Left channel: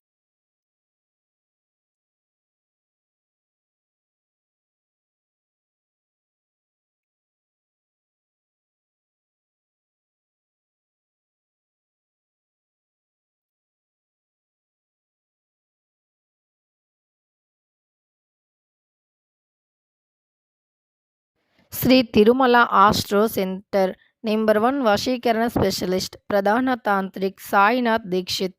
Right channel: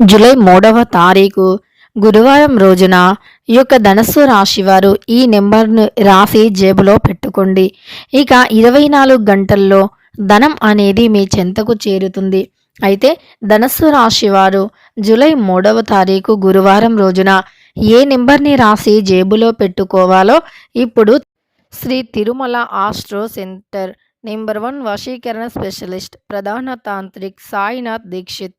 July మూడవ తారీఖు గురువారం రోజున ఈ యొక్క ధనస్సు రాశి వారు ఈ నెంబర్ను రాసి జేబులో పెట్టుకోండి. ఇక ఇరవై నాలుగు గంటల్లో ధనం అనేది మీ చెంతకు చేరుతుంది. అయితే ధనస్సు రాశి వారు జూలై మూడవ తారీఖు గురువారం రోజున ఏ నెంబర్ని రాసి జేబులో పెట్టుకోవాలో ఇప్పుడు Shri Tirumala astro centre number one వశీకరణ స్పెషలిస్ట్ ప్రధాన తాంత్రిక్ సాయినాథ్ దీక్షిత్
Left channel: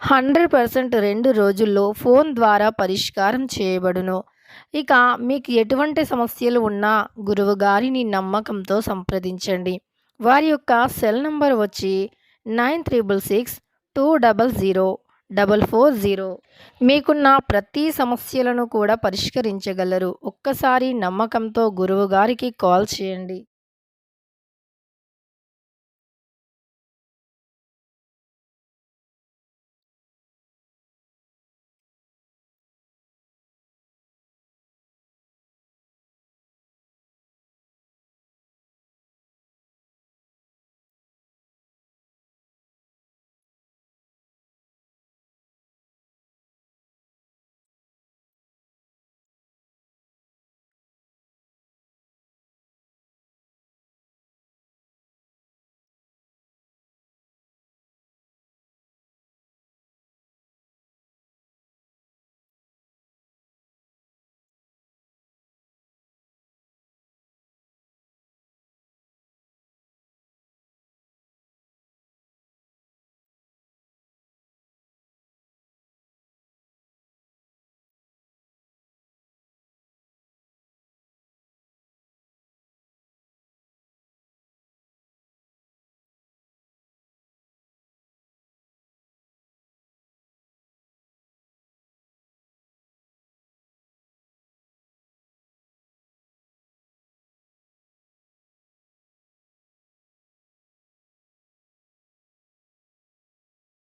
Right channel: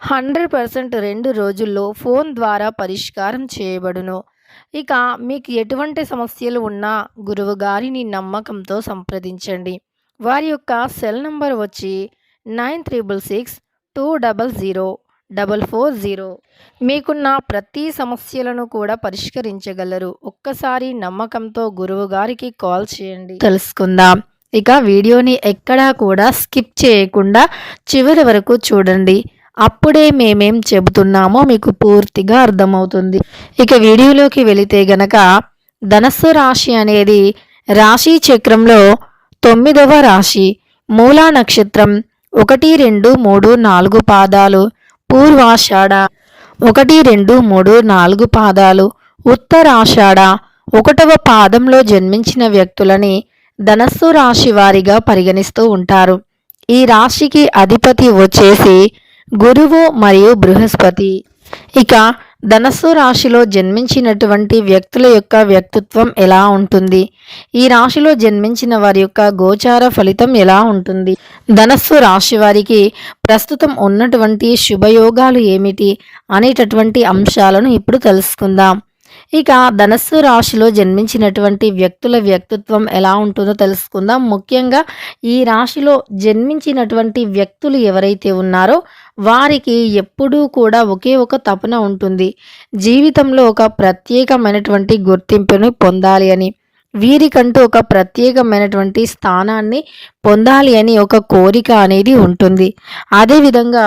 హండ్రెడ్ పర్సెంట్ రెండు రోజుల్లో ఫోన్ ద్వారా పరిష్కారం చేయబడును. ఇక మీకు ఎటువంటి సమస్యలు ఉన్నా గురువు గారిని నమ్మకంతో సంప్రదించండి. వారి యొక్క సెల్ నంబర్ వచ్చి nine triple six two double zero double four zero. మీకున్న ప్రతి సమస్యలను కూడా పరిష్కరించగలరు. ఒక్కసారి నమ్మకంతో గురువు గారికి కాల్ చేయండి. తెలుసుకుందాం. ఇక వీడియోని ఎక్కడా కూడా స్కిప్ చేయకుండా చివరి వరకు చూడండి. అప్పుడే మేమేం చెబుతున్నామో మీకు పూర్తిగా అర్థమవుతుంది. ఇక వీడియోలోకి వెళితే గనక ధనస్సు రాశి అనేది రాశి చక్రంలో తొమ్మిదవ రాశి. మూలా నక్షత్రం ఒకటి రెండు మూడు నాలుగు పాదాలు. పూర్వాషాఢ ఒకటి రెండు మూడు నాలుగు పాదాలు. ఉత్తరాషాఢ ఒకటవ పాదంలో జన్మించిన వ్యక్తులని ధనస్సు రాశి వారిగా పరిగణిస్తూ ఉంటారు. ఈ రాశికి అధిపతి వచ్చేసి గురువు మరియు బృహస్పతి. ఇక ధనస్సు రాశిలో జన్మించినటువంటి వ్యక్తుల యొక్క వ్యక్తిత్వం ఎలా ఉంటుంది? ఈ రాశిలో జన్మించిన వారి యొక్క గోచార ఫలితం ఎలా ఉంటుంది? ధనస్సు రాశి వారికి ప్రస్తుతం ఉన్నటువంటి శుభయోగాలు ఏమిటి అనేటటువంటి అంశాలను ఇప్పుడు తెలుసుకుందాం. ఇక ధనస్సు రాశిలో జన్మించినటువంటి వ్యక్తుల వ్యక్తిత్వం ఎలా ఉంటుందో తెలుసుకుందాం. ముఖ్యంగా ఈ రాశిలో జన్మించినటువంటి వ్యక్తులు ఎవరైతే ఉన్నారో వారికి ఎప్పుడూ కూడా ఒకే ఒక తపన ఉంటుంది. జీవితంలో ఒక ప్రత్యేకమైనటువంటి గుర్తింపును పొందాలి అని వీరికంటూ ఒక ప్రత్యేకమైనటువంటి స్థానాన్ని పొందాలి అని ఒక కోరిక అనేది ఉంటుంది. అదేవిధంగా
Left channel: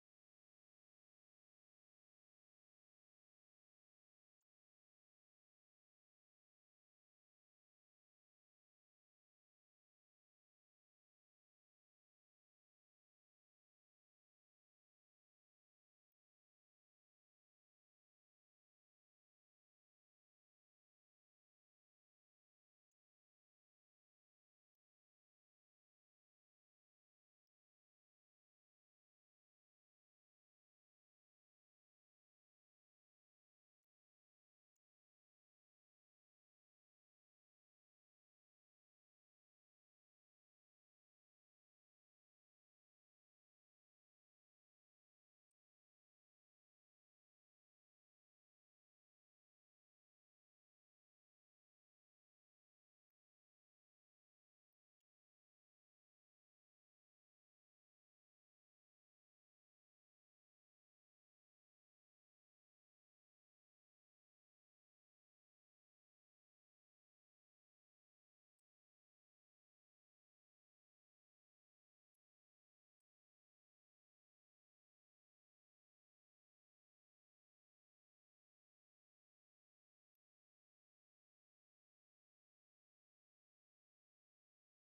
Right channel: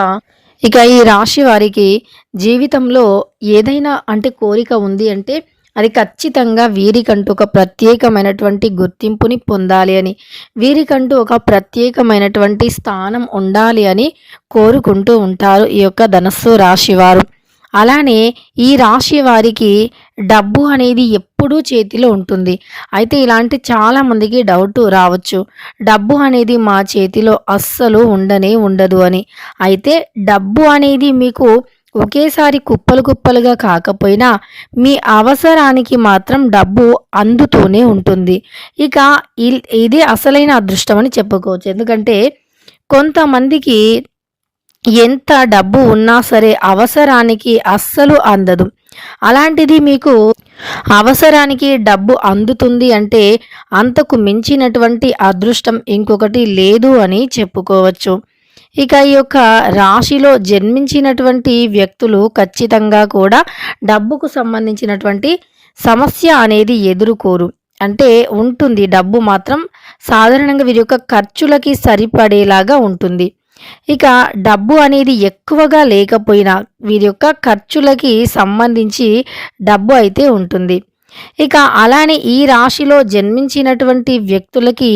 ఇక ఈ రాశి వారికి జీవితంలో ఏదైనా అంటే కోరిక ఉంది అంటే అది ఖచ్చితంగా వీరికంటూ ఒక ప్రత్యేకమైనటువంటి గుర్తింపుని పొందాలి అని వీరికంటూ ఒక ప్రత్యేకమైనటువంటి స్థానం ఉండాలి అని కోరుకుంటూ ఉంటారు ఈ యొక్క ధనస్సు రాశి వారు. అలానే ఈ రాశి వారికి డబ్బు అనేది ఎప్పుడూ చేతిలో ఉంటుంది. అయితే ఇలాంటి చాలా మందికి డౌట్ రావచ్చు. డబ్బు అనేది మా చేతిలో అస్సలు ఉండనే ఉండదు అని. అయితే డబ్బు అనేది మీకు ఒకేసారి కుప్పలు కుప్పలుగా కాకపోయినా మీ అవసరానికి మాత్రం డబ్బు అందుతూనే ఉంటుంది. ఇక ఇల్- ఇది అసలైన అదృష్టం అని చెప్పుకోవచ్చు. ఎందుకంటే కొంతమందికి ఎంత డబ్బు ఉన్నా సరే అవసరానికి అస్సలు అందదు. అలాంటిది మీకు అవసరానికి డబ్బు అందుతుంది అంటే అంతకు మించినటువంటి అదృష్టం ఇంకొకటి లేదు అని చెప్పుకోవచ్చు. ఇక ఈ యొక్క రాశిలో జన్మించినటువంటి వ్యక్తులు ఖచ్చితంగా కూడా డబ్బుకు సంబంధించినటువంటి సమస్య అనేది ఎదుర్కోరు. అంటే ఉంటుంది డబ్బు మాత్రం సాధారణంగా వీరి యొక్క ఖర్చులకి సరిపడేలాగా ఉంటుంది. ఇక డబ్బు అనేది ఎక్కువగా లేకపోయినా వీరి యొక్క ఖర్చులకి సంబంధించి డబ్బు అయితే ఉంటుంది. ఇక అలానే ఈ రాశిలో జన్మించినటువంటి వ్యక్తులకి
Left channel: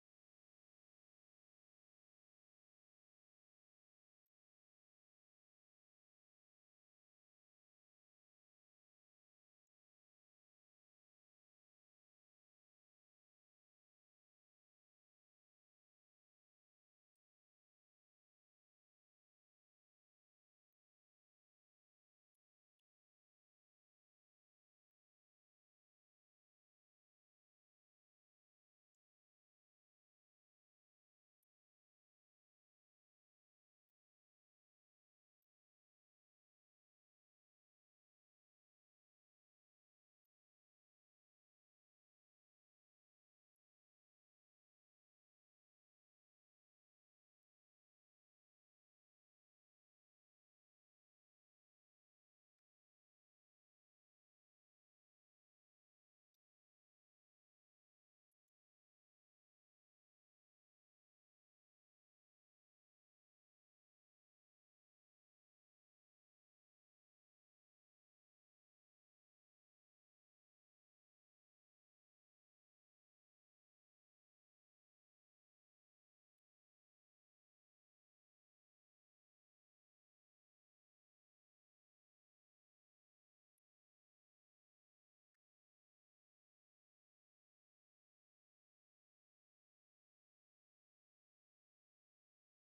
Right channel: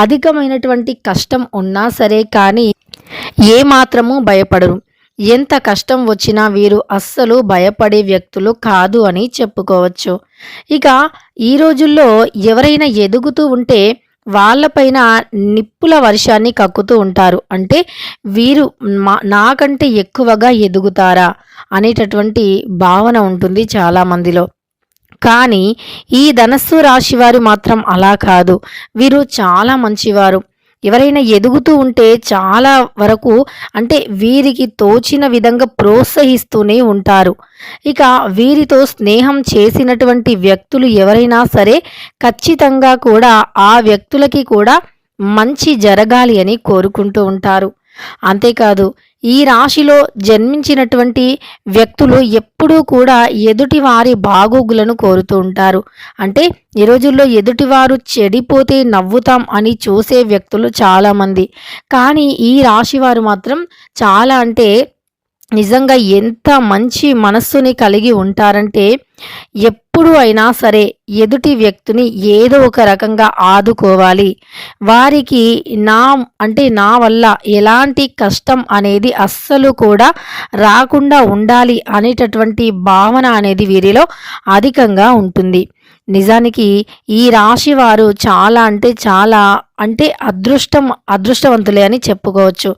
అధికమైనటువంటి కష్టం ఉన్నా సరే కానీ ఏ మాత్రము భయపడరు. ఎంత కష్టం వచ్చినా వీరు అస్సలు భయపడే వ్యక్తులు కాదు అని చెప్పుకోవచ్చు. ఇక ఈ రోజుల్లో ఎవరైనా ఎదుగుతూ ఉంటే వాళ్ళపైన నిప్పుల వర్షాన్ని కక్కుతూ ఉంటారు. అంటే వీరు మా నాకంటే ఎక్కువగా ఎదుగుతారా అనేటటువంటి భావన ఉంటుంది చాలా మందిలో. కానీ ఈ ధనస్సు రాశి వారు మాత్రం అలా కాదు. వీరు చాలా మంచివారు. ఎవరైనా ఎదుగుతూ ఉంటే చాలా వరకు అంటే వీరికి తోచిన విధంగా ప్రోత్సహిస్తూనే ఉంటారు. ఇక వీరితో స్నేహం చేసినటువంటి వ్యక్తులు ఎవరైనా సరే ఖచ్చితంగా కూడా ఆ వ్యక్తులకి కూడా మంచి జరగాలి అని కోరుకుంటూ ఉంటారు. అంతేకాదు ఈ రాశిలో జన్మించినటువంటి వ్యక్తులు ఎప్పుడూ కూడా ఎదుటివారి బాగోగులను కోరుతూ ఉంటారు. అంటే ఈ రోజుల్లో ఎదుటివారు చెడిపోతే నవ్వుతాం అని చూసే వ్యక్తులు చాలామంది. కానీ ఈ రాశి వారు మాత్రం చాలా అంటే నిజంగా ఎంత మంచి మనస్సుని కలిగి ఉంటారంటే ఎప్పుడు అయినా సరే ఎదుటి వ్యక్తిని ఏదో ఒక రకంగా ఆదుకోవాలి. వారికి నా అంటే నా వల్ల ఎలాంటి కష్టం అనేది అస్సలు కూడా రాకుండా ఉండాలి అనేటటువంటి భావన అనేది వీరిలో అధికంగా ఉంటుంది. నిజానికి ఈ రాశి వారు చాలా అంటే చాలా అంటే అదృష్టం అదృష్టవంతులే అని చెప్పుకోవచ్చు.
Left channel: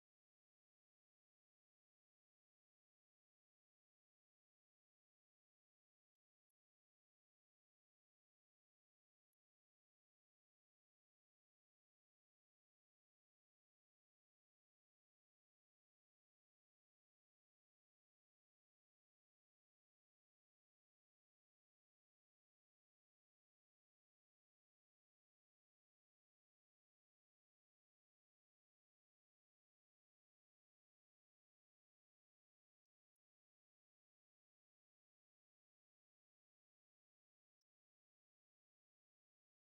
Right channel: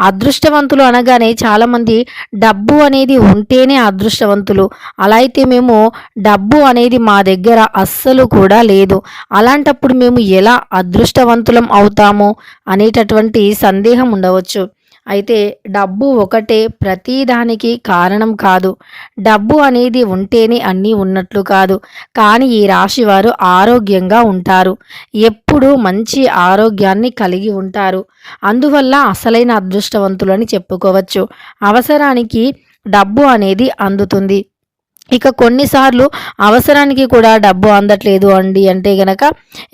అదృష్టవంతులు అనగానే చాలామంది డబ్బు అనేది ఉంటేనే అదృష్టవంతులు. అలా అయితే మేము డబ్బు అనేది మా దగ్గర అస్సలు కూడా లేదు. అలాంటప్పుడు మేము ఎలా అదృష్టవంతులం అవుతాము అనేటటువంటి సందేహం ఉండవచ్చు. అయితే డబ్బు ఒకటే ప్రతిదానికి కారణం కాదు. డబ్బు అనేది ఉంటేనే అన్నీ ఉన్నట్లు కాదు. కానీ ఈ రాశి వారు ఆరోగ్యంగా ఉంటారు. ఎప్పుడూ మంచి ఆరోగ్యాన్ని కలిగి ఉంటారు. అందువల్ల అసలైన అదృష్టవంతులని చెప్పుకోవచ్చు. అవసరానికి డబ్బు అనేది అందుతుంది. ఇక కొన్నిసార్లు అవసరానికి కూడా డబ్బు అందట్లేదు అండి అంటే గనక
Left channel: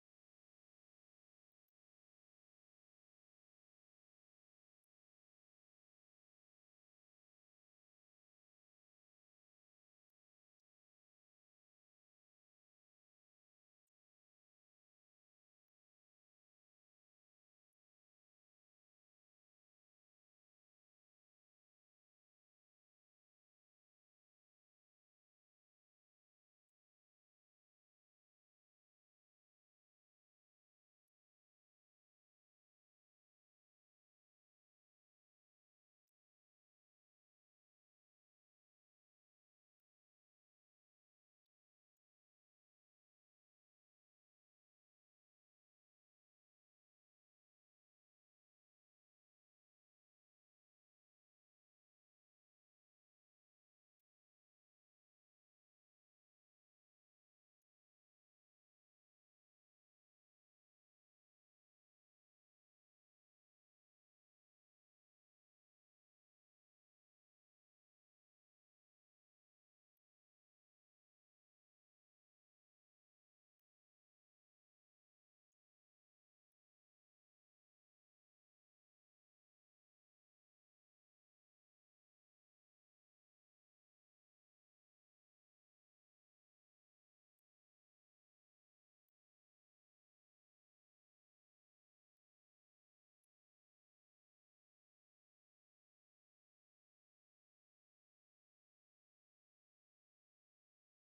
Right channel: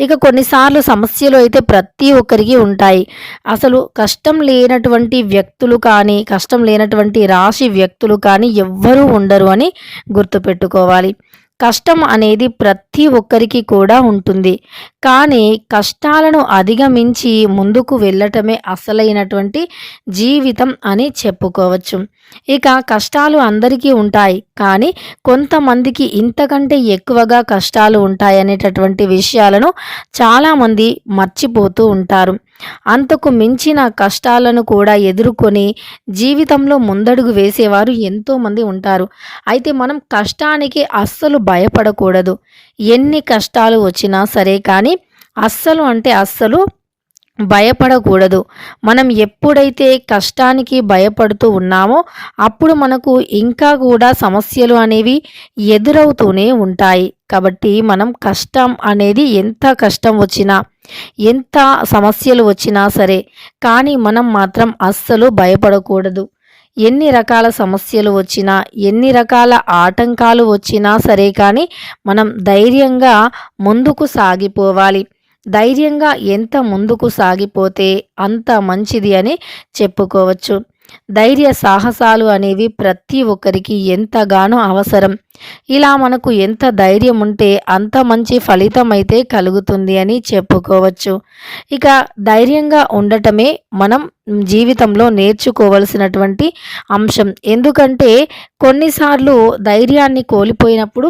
ఇక కొన్నిసార్లు సమస్యలు అయితే ప్రతి ఒక్కరికి ఉంటాయి. అసలు కష్టం లేనటువంటి వ్యక్తులు కానీ కష్టం లేనటువంటి రాశి వ్యక్తులు కానీ ఎవ్వరూ ఉండరు అని గుర్తుపెట్టుకోవాలి. కష్టం అనేది ప్రతి ఒక్కరికి కూడా ఉంటుంది. కానీ కష్టాలను అధిగమించి ముందుకు వెళ్ళటమే అసలైనటువంటి జీవితం అని చెప్పుకోవచ్చు. ఇక కష్టాలు అందరికీ ఉంటాయి. కానీ కొంతమందికి ఇంతకంటే ఎక్కువగా కష్టాలు ఉంటాయి అనేటటువంటి విషయాలను చాలామంది మర్చిపోతూ ఉంటారు. అంతకు మించిన కష్టాలను కూడా ఎదుర్కొని జీవితంలో ముందడుగు వేసేవారు ఎంతోమంది ఉంటారు. అయితే మనం కష్టానికి అస్సలు భయపడకూడదు. ఎన్ని కష్టాలు వచ్చినా సరే కానీ అస్సలు అంటే అస్సలు భయపడకూడదు. మనం ఎప్పుడైతే కష్టానికి భయపడుతూ ఉన్నామో అప్పుడు మనకు ఇంకా కూడా సమస్యలు అనేవి ఎదురవుతూనే ఉంటాయి. కాబట్టి మనం కష్టం అనేది ఎంత కష్టం వచ్చినా ఎంత సమస్యలు వచ్చినా సరే కానీ మనం మాత్రం అస్సలు భయపడకూడదు. ఎన్ని రకాల సమస్యలు వచ్చినా ఎన్ని రకాల ఆటంకాలు వచ్చినా సరే కానీ మనం ధైర్యంగా ముందుకు సాగిపోవాలి. ధైర్యంగా ఎంత ముందుకు సాగిపోతే అంత మంచిది అని చెప్పుకోవచ్చు. ధైర్య సాహసాలు అనేవి ప్రతి ఒక్కరికి ఎంతగానో అవసరం. ఇలా మనకు ఎంత ధైర్యం ఉంటే అంత మంచి ఫలితం అయితే కలుగుతుంది అని చెప్పుకోవచ్చు. ఇక ధైర్యంగా ఉండటమే మనం జీవితంలో నేర్చుకోవలసినటువంటి అంశం. ఎందుకంటే కొన్నిసార్లు ధైర్యాన్ని కోల్పోయినప్పుడు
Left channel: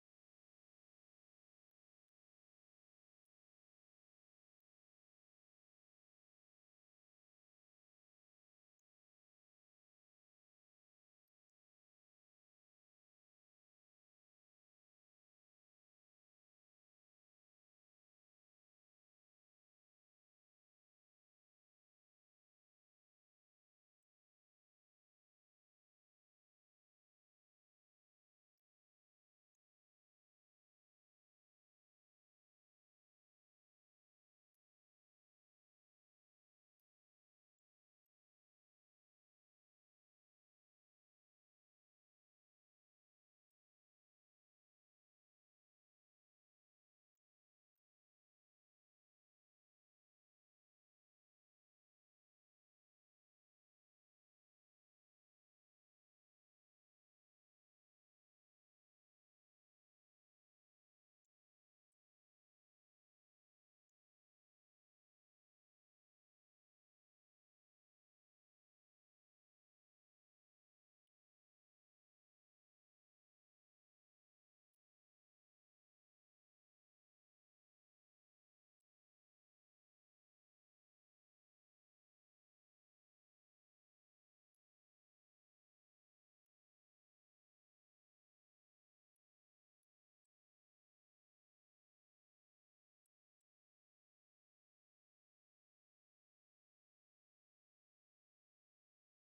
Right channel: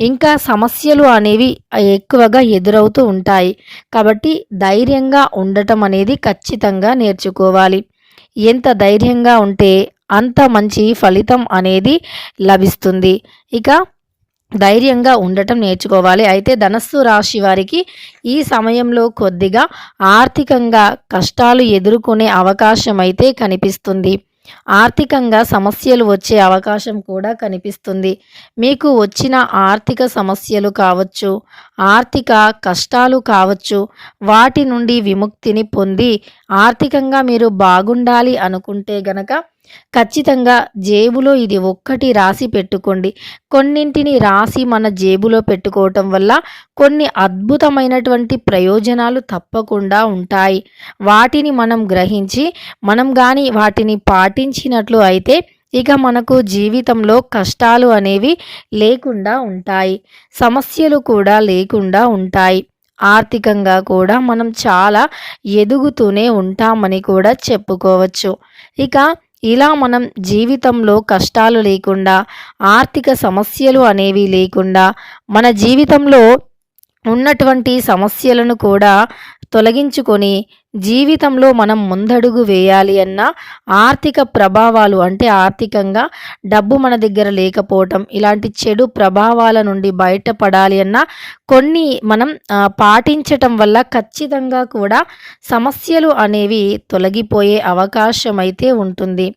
ఇంకా సమస్యలు అనేవి ఎక్కువగా ఎదురవుతూ ఉంటాయి. కాబట్టి ధైర్యంగా ఉండటం అనేది ఖచ్చితంగా నేర్చుకోవాలి. ఎంత ధైర్యంగా ఉంటే అంత మంచి ఫలితం అనేది లభిస్తుంది. ఇక ధైర్యంగా ఉండటం నేర్చుకోవాలి. అయితే ధనస్సు రాశి వారికి ఈ సమయంలో కొద్దిగా ఆర్థికంగా కష్టాలు ఎదుర్కొనే అవకాశం అయితే కనిపిస్తుంది. ఆర్థికంగా సమస్యలు వచ్చే అవకాశం కూడా కనిపిస్తుంది. మీకు వచ్చిన ఆర్థిక సమస్యలు కావచ్చు ఆర్థిక కష్టాలు కావచ్చు వాటి నుండి విముక్తిని పొంది ఆర్థికంగా మీరు బాగుండాలి అనుకుంటే గనక ఖచ్చితంగా జేబులో ఇది ఒక్కటి రాసి పెట్టుకోండి. కొన్నింటిని రాసి మన జేబులో పెట్టుకోవటం వల్ల కొన్ని అద్భుతమైనటువంటి ప్రయోజనాలు తప్పకుండా ఉంటాయి. వాటిని మనం గ్రహించి మనం కానీ వాటిని పాటించినట్లు అయితే ఇక మనకు జీవితంలో కష్టాలు అనేవి లేకుండా ఉంటాయి. సమస్యలు కూడా లేకుండా ఉంటాయి. ఆర్థికంగా కూడా మనం చాలా ఎదుగుతూనే ఉంటామని కూడా చెప్పుకోవచ్చు. ఇక ఇలా మనం జీవితంలో కష్టాలు లేకుండా ఆర్థిక సమస్యలు అనేవి లేకుండా మన జీవితంలో ఉన్నటువంటి సమస్యలను కూడా తొలగించుకొని జీవితంలో మనం ముందడుగు వేయాలి అన్న ఆర్థిక ప్రభావాలు అంటే ఆర్థికంగా డబ్బు మన దగ్గర లేకపోవటం ఇలాంటి చెడు ప్రభావాల నుండి బయటపడాలి అన్న కొన్ని మనం పాటించటం వల్ల ఖచ్చితంగా కూడా సమస్యలు అనేవి తొలగిపోయే అవకాశం అయితే ఉంటుంది.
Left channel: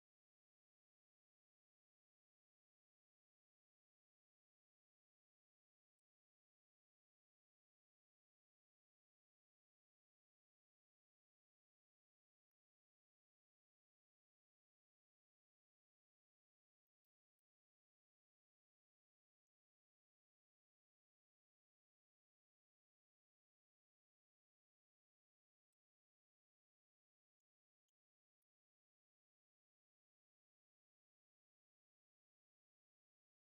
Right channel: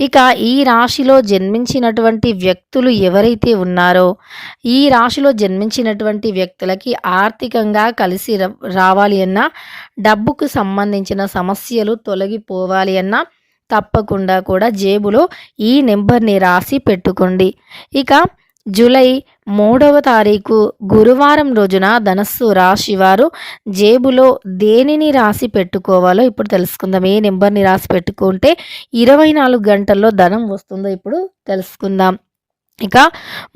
ఇక ఈ రాశిలో జన్మించినటువంటి వ్యక్తులు ఎవరైతే ఉన్నారో ఈ రాశిలో జన్మించినటువంటి వ్యక్తులకి ఆర్థికంగా కలిసి రావాలి అన్నా డబ్బుకు సంబంధించిన సమస్యలు తొలగిపోవాలి అన్నా తప్పకుండా కూడా జేబులో ఈ నెంబర్ని రాసి పెట్టుకోండి. ఇక జూలై మూడవ తారీఖు గురువారం రోజున ధనస్సు రాశి వారు జేబులో దేనిని రాసి పెట్టుకోవాలో ఇప్పుడు తెలుసుకుందాం. ఏ నెంబర్ని రాసి పెట్టుకుంటే ఇరవై నాలుగు గంటల్లో ధనం వస్తుందో ఇప్పుడు తెలుసుకుందాం. ఇక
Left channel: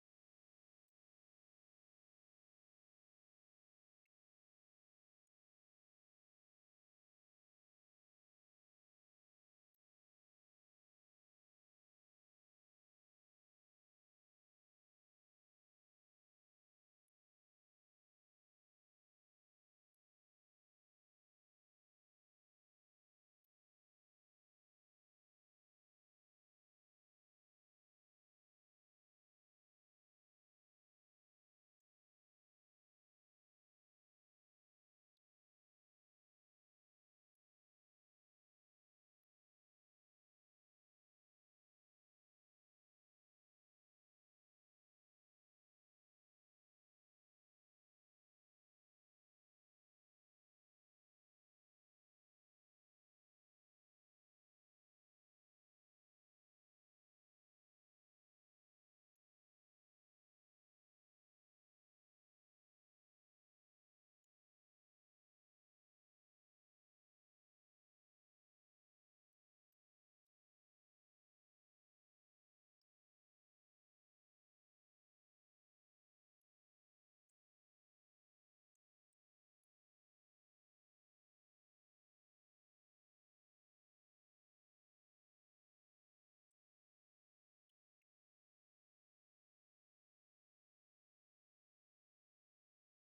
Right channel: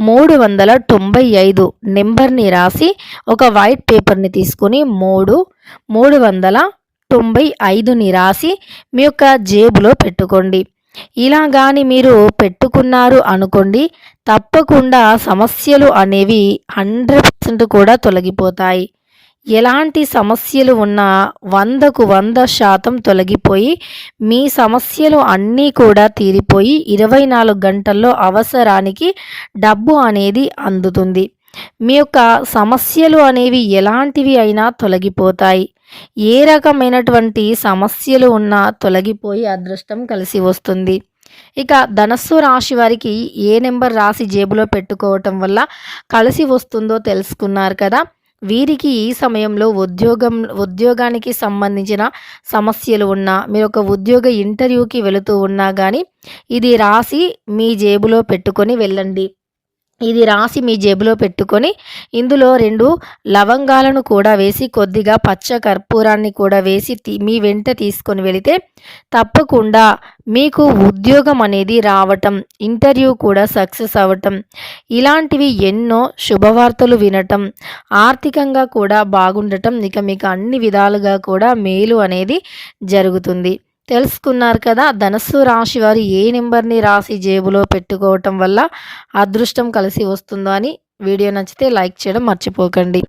మూడు వందల తొంభై ఐదు నెంబర్ని రాసి ఒక వైట్ పేపర్ని తీసుకుని మూడు మూడు వందల తొంభై ఐదుని రాసి మీ యొక్క జేబులో పెట్టుకోండి. ఇలా కానీ మీరు పెట్టుకున్నారు అనుకోండి తప్పకుండా సమస్యలు అనేవి హండ్రెడ్ పర్సెంట్ కూడా తొలగిపోతాయి. ఎలాంటి సమస్యలు ఉన్నా వందకు వంద శాతం తొలగిపోయి మీ సమస్యలు అన్నీ కూడా తీరిపోయి ఇరవై నాలుగు గంటల్లో అవసరానికి డబ్బు అనేది అందుతుంది. మీ యొక్క సమస్యలు అనేవి ఎలాంటివి అయినా తొలగిపోతాయి. ఏ రకమైనటువంటి సమస్యలు ఉన్నా తొలగిపోయి అదృష్టం కలిసి వస్తుంది. ఇక ధనస్సు రాశి వారికి ఏ నెంబర్ రాసి జేబులో పెట్టుకోవటం వల్ల కలిసి వస్తుందో తెలుసుకున్నారు కదా. వీరికి ఈ సమయంలో ఉద్యోగం ఉద్యోగానికి సంబంధించిన సమస్యలు ఉన్నా మీరు ఒక ఉద్యోగ ఇంటర్వ్యూకి వెళుతూ ఉన్నా కానీ ఇది రాసి మీ జేబులో పెట్టుకొని వెళ్ళండి. ఇది రాసి మీ జేబులో పెట్టుకొని ఇందులో రెండు లవంగాలను కూడా వేసి కొద్దిగా పచ్చ కర్పూరాన్ని కూడా వేసి మీ వెంట తీసుకొని వెళితే తప్పకుండా మీకు ఉద్యోగం అనేది రావటం ఇంటర్వ్యూ కూడా సక్సెస్ అవ్వటం ఇలాంటివి ఎన్నో శుభవార్తలు వినటం ఆర్థికంగా కూడా బాగుండటం ఇక మీకు అన్ని విధాలుగా కూడా మేలు అనేది జరుగుతుంది. తెలుసుకున్నారు కదా ధనస్సు రాశి వారు ఏ నెంబర్ని రాసి జేబులో పెట్టుకోవటం వల్ల అదృష్టం కలిసి వస్తుందో అని వీడియో నచ్చితే లైక్ చేయడం మర్చిపోకండి.